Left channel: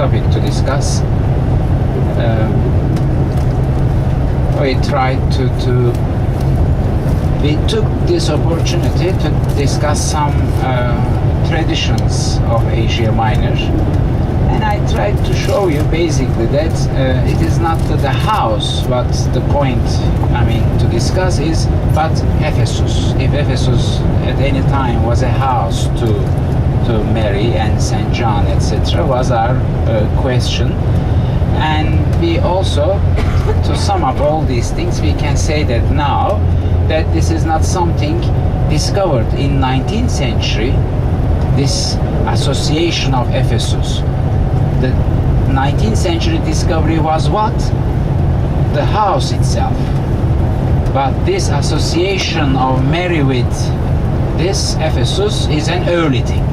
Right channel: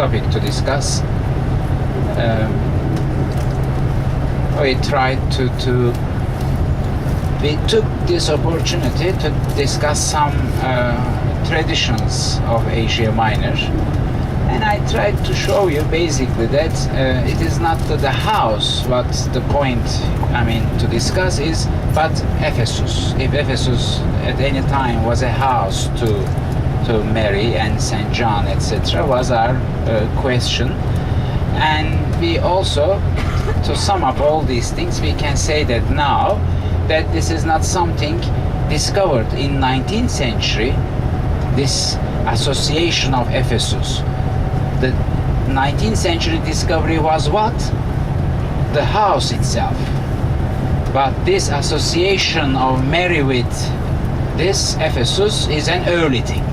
topic to discuss. We tried we took this opportunity to discuss some traditions of Asia Minor, and I tried to show you basically that it is not the house what the point to discuss is, but Ephesus. If Ephesus at any time was a house to Mary and Saint John, etc., was our question. And we also, to sum up all these things, we can say that now that this is not something discovered in 19th century, this association of Ephesus. The 19th century discovery was what? The house itself. But this association of Mary with this Ephesus is an early thing.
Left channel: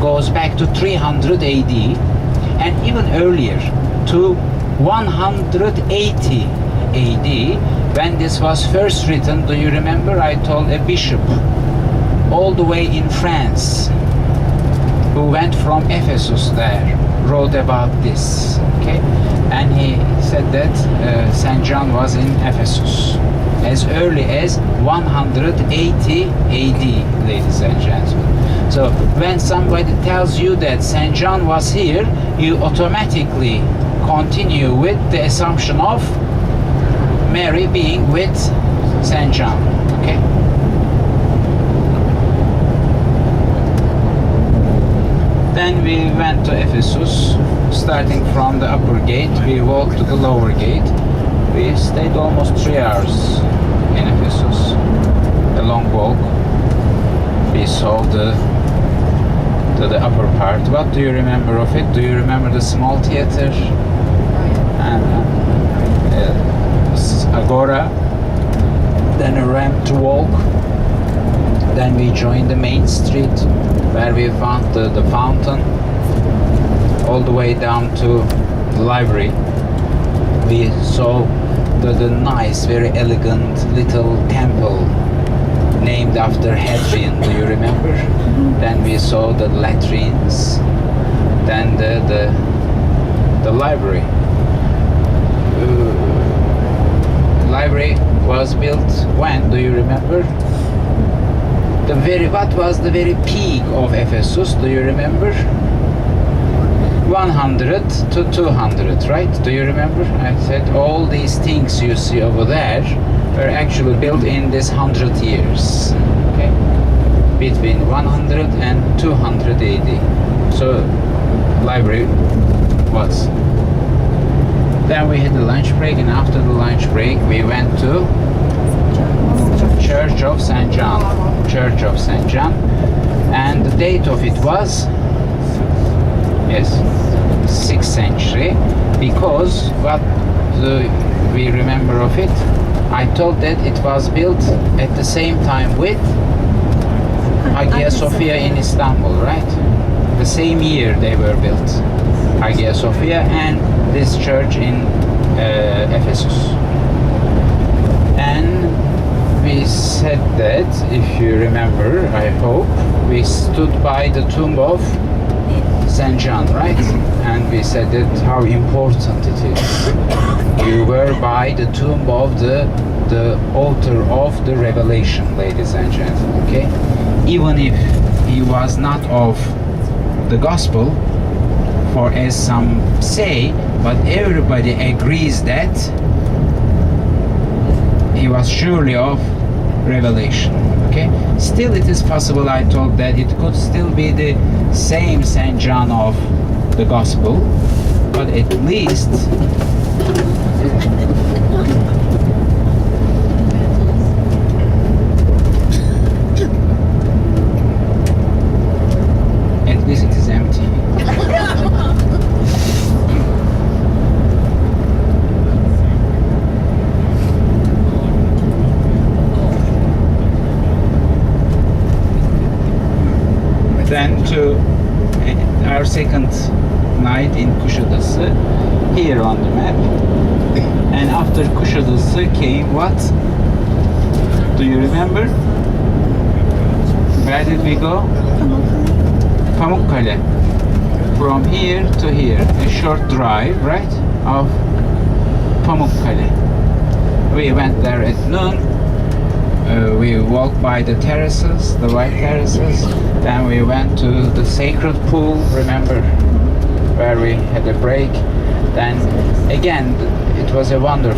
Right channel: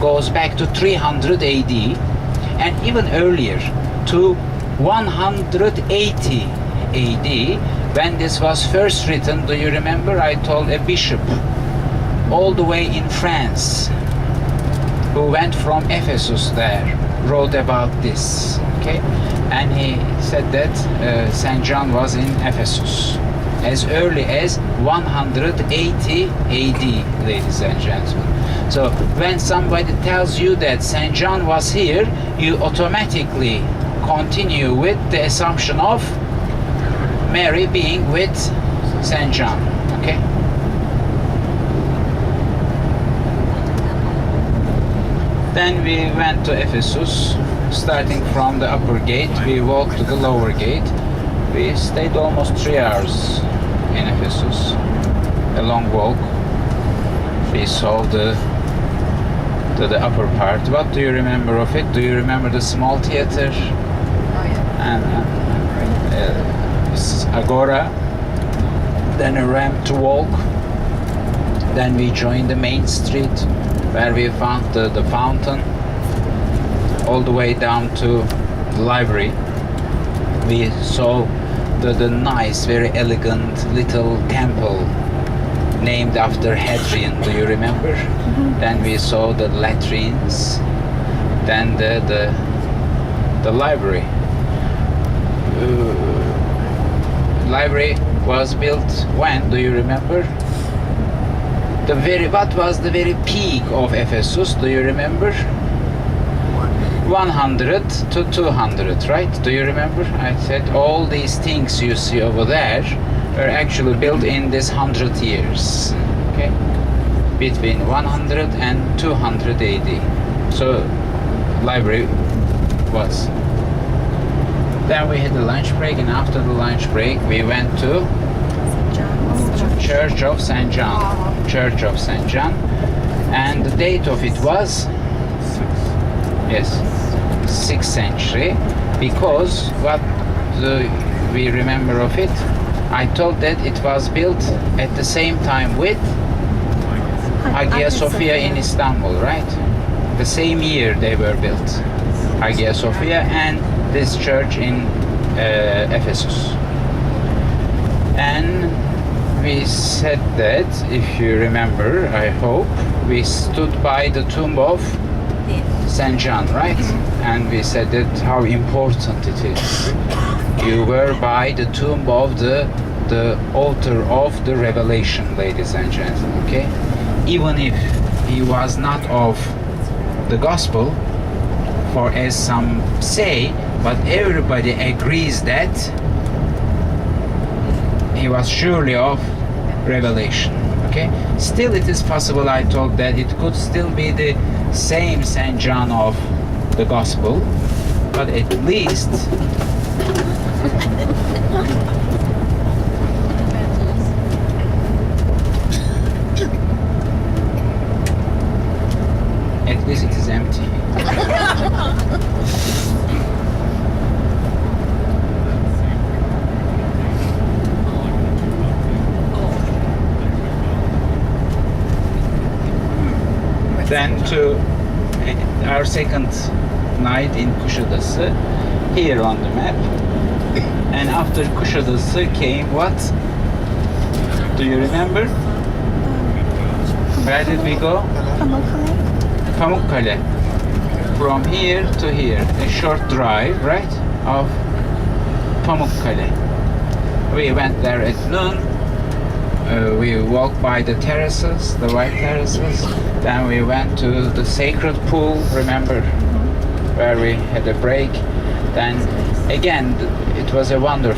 Goes back to 300 AD and even earlier to 180 AD, when this was first written. Do you remember? I told a bishop all the way in France who went from Ephesus there, wrote about this, okay? And he said that Saint John was in Ephesus as early as 180 AD, ladies and gentlemen. So when somebody tells you that Saint John was here, you automatically continue with the assumption of Mary being with Saint John, okay? Then we went to Ephesus, starting from the upper gate. We walked to the lower gate. We stayed almost 3 hours in Ephesus, a long walk. We saw the upper part. What do you remember of it? Do you remember the small theater? And agora, then a ramp to walk. Then we joined the main street where we found the fountain, all the way down to the library. We saw the nice, very elegant little temple named after Hadrian. Do you remember? Then we saw the latrines, then the library. Library was built when? Do you remember? What was the very peak of Ephesus? Do you remember? 100 to 200, right? Do you remember? I said all these things you see over there were actually built in this 100 years, okay? Between 100 and 200 AD. So, library was. Then we had the lunch break, and after the lunch break, we went to Church of Saint John. Church of Saint John. And the date of it was, yes, 6th century, because what we remember of it, I told that it was built at the same time with Hagia Sophia in Istanbul, right? The same year they were built, Hagia Sophia and this church in Ephesus. And we said that, if you remember, I hope, we stood by the tomb of Saint John, right? And we said that how important it is. You were by the tomb of the author of the Revelation, ladies and gentlemen, okay? Even if he was not of the gospel, for as some say, but everybody agrees that he was surely of Revelation, okay? Still it is possible, I told, that it could still be the same Saint John of the gospel, but at least it is empty. Then to our second night in Kuşadası, here on the map. And after Kuşadası came what? Do you remember? Where did we go? Pamukkale. from here to here, a short drive, right, of Pamukkale. We went there at noon. We walked by the terraces, the white terraces. Then we went to the sacred pool, remember, where we had a break. Then again, it was a wonderful